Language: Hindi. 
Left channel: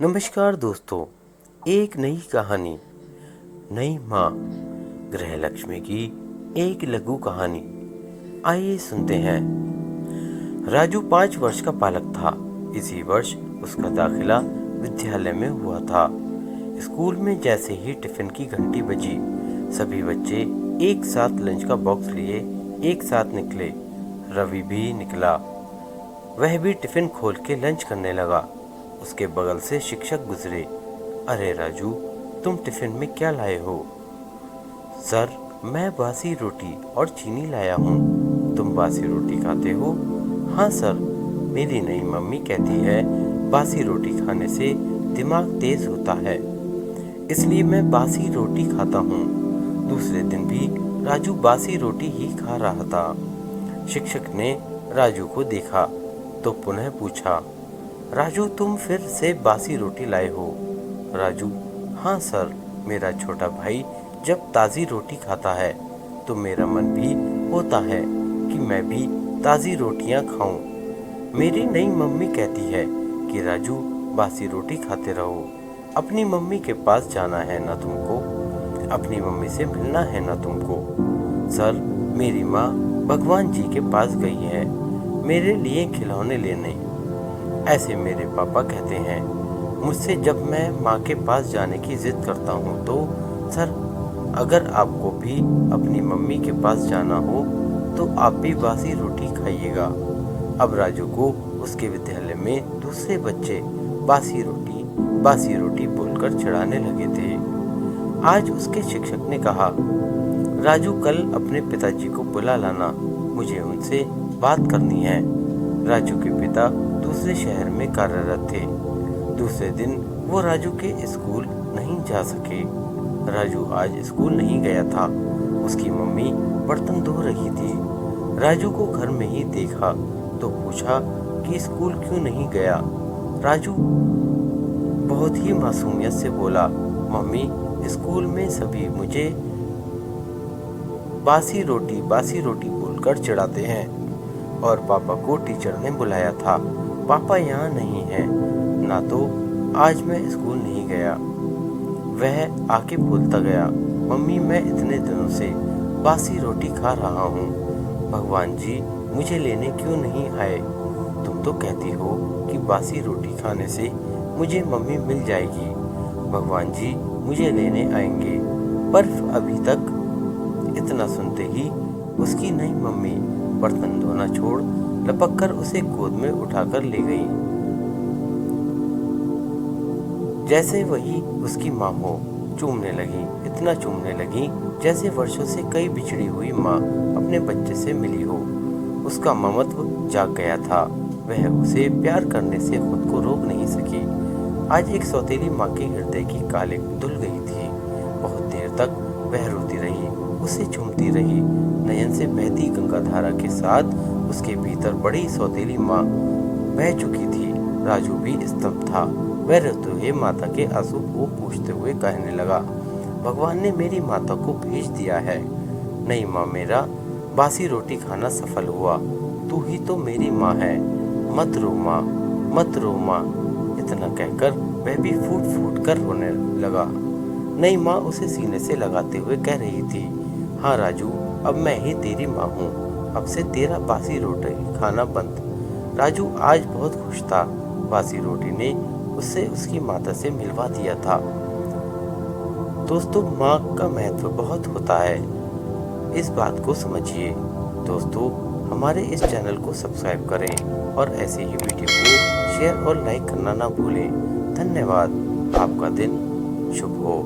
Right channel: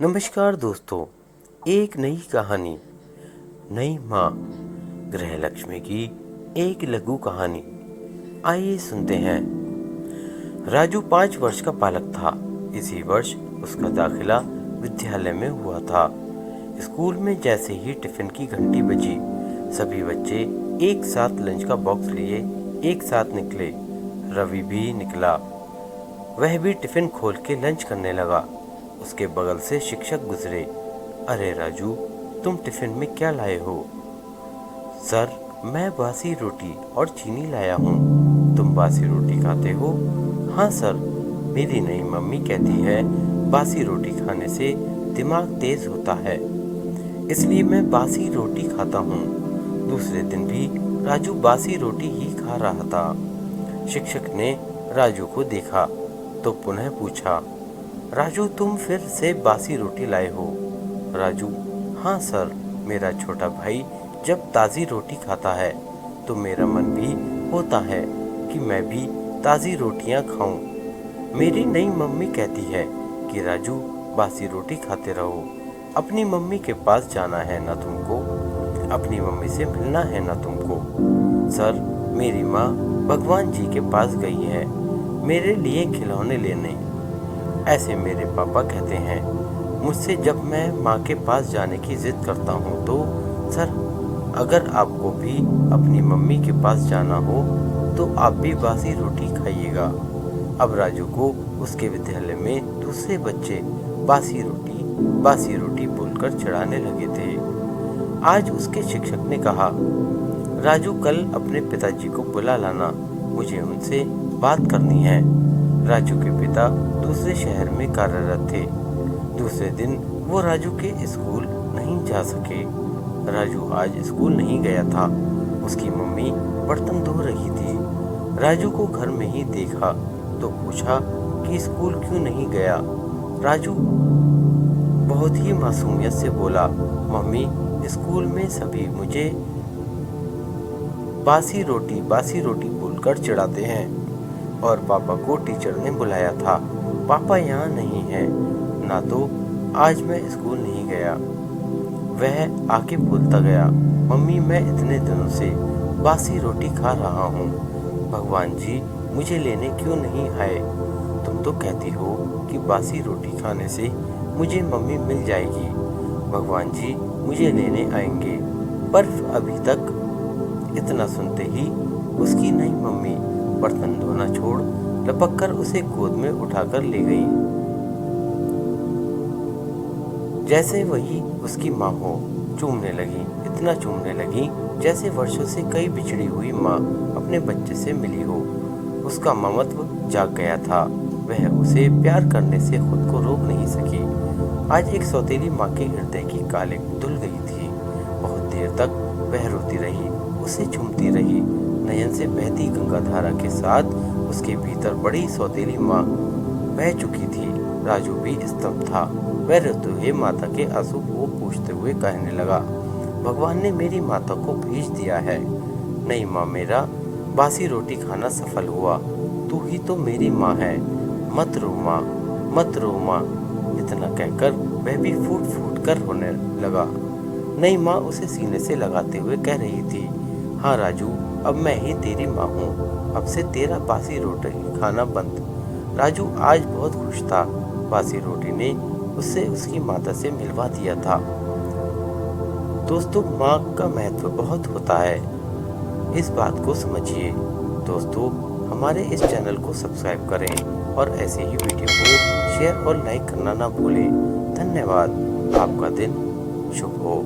नमस्कार दोस्तों, एक नई कहानी, नई माँ, गृह लक्ष्मी की एक लघु कहानी। आइए सुनते हैं। राजू 5 वर्ष का बालक था। इसी वर्ष उसका दाखिला विद्यालय में हुआ था। स्कूल में जैसे ही टिफिन की घंटी बजी, सभी बच्चे एक साथ लंच का बॉक्स लिए एक साथ निकले। रवि भी निकला। वह भी टिफिन खोल के लंच करने लगा। उसके बगल से शिक्षक गुजरे। अरे राजू, तुम टिफिन में क्या लाए हो? सर, मैं बासी रोटी और चीनी लाया हूँ। तुम बासी रोटी खाते हो? हाँ सर, मेरी नई मम्मी कहती है बासी रोटी खाने से दिमाग तेज होता है, इसलिए मैं बासी रोटी खाता हूँ। दूसरे दिन भी राजू बासी रोटी ही खा रहा था। शिक्षक ने राजू को देखा तो पुनः पूछा, राजू, तुम फिर से बासी रोटी लाए हो? राजू, हाँ सर, मेरा छोटा भाई जब ताज़ी रोटी खाता है तो मेरा मन भी होता है कि मैं भी ताज़ी रोटियां खाऊं। मेरी नई मम्मी कहती है कि राजू, बासी रोटी खाते रहो। अपनी मम्मी के पास जाना है ना तुमको? अपनी मम्मी से मिलना है ना तुमको? सर, मेरी माँ भगवान जी के पास गई है मेरे लिए खिलौने लेने, ऐसे मेरे पापा कहते हैं मुझसे जब मैं माँ के पास जाने की जिद करता हूँ तो। सर, अगर आपको भी अपनी मम्मी के पास जाना हो तो आप भी बासी रोटी खाइएगा। अब राजू को उसके विद्यालय में दूसरे बच्चे बासी रोटी बोलकर चिढ़ाने लगे थे। आज उसके शिक्षक ने कहा, राजू, कल अपने पिताजी को बुला लाना, मुझे उनसे बात करनी है। राजू के पिता दूसरे शहर में कार्यरत थे। दूसरे दिन वो राजू के स्कूल नहीं जा सके। राजू आज स्कूल नहीं गया था। उसकी मम्मी बर्तन धो रही थी। राजू को घर में ही देखा तो पूछा कि स्कूल क्यों नहीं गया। राजू बहुत ही मासूमियत से बोला, मम्मी, स्कूल में सभी मुझे बासी रोटी बोलकर चिढ़ाते हैं और पापा को टीचर ने बुलाया था। पापा यहाँ नहीं है, ना तो आज मैं स्कूल नहीं गया। वह आके बोलता गया, मम्मी, मैं इतने दिनों से बासी रोटी खा रहा हूँ। भगवान जी मुझे लेने क्यों नहीं आए? तुम तो कहती हो कि बासी रोटी खाने से मुझे मम्मी मिल जाएगी, भगवान जी मुझे लेने आएंगे। पर अभी तक। इतना सुनते ही उसकी नई मम्मी बर्तन धोना छोड़ लपक कर उसे गोद में उठाकर ले गई, जैसे वही उसकी माँ हो। चूमने लगी, इतना चूमने लगी जैसे वर्षों से कई बिछड़ी हुई माँ अपने बच्चे से मिली हो। उसका ममत्व जाग गया था। वह उसे प्यार करने से खुद को रोक नहीं सकी। आज एक सौतेली माँ के हृदय की कालिक धुल गई थी। बहुत देर तक वह रोती रही, उसे चूमती रही। नयन से बहती गंगा धारा के साथ उसके भीतर बड़ी सौतेली माँ बह चुकी थी। राजू भी स्तब्ध था। वह रोते हुए माता के आंसू को पूछते हुए कहने लगा, भगवान ने मेरी माता को भेज दिया है। नहीं माँ, मेरा बासी रोटी खाना सफल हुआ। तू ही तो मेरी माँ है। मत रो माँ, मत रो माँ। इतना कहकर वह भी फूट फूट कर रोने लगा। नई माँ उसे सीने से लगाते हुए कह रही थी, हाँ राजू, अब मैं ही तेरी माँ हूँ। अब से तेरा बासी रोटी खाना बंद। राजू आज बहुत खुश था। बासी रोटी ने उससे उसकी माता से मिलवा दिया था। दोस्तों, माँ का महत्व बहुत होता है, इस बात को समझिए। दोस्तों, हमारे इस चैनल को सब्सक्राइब करें और ऐसे ही वीडियो को शेयर और लाइक करना ना भूलें। धन्यवाद। आपका दिन शुभ हो।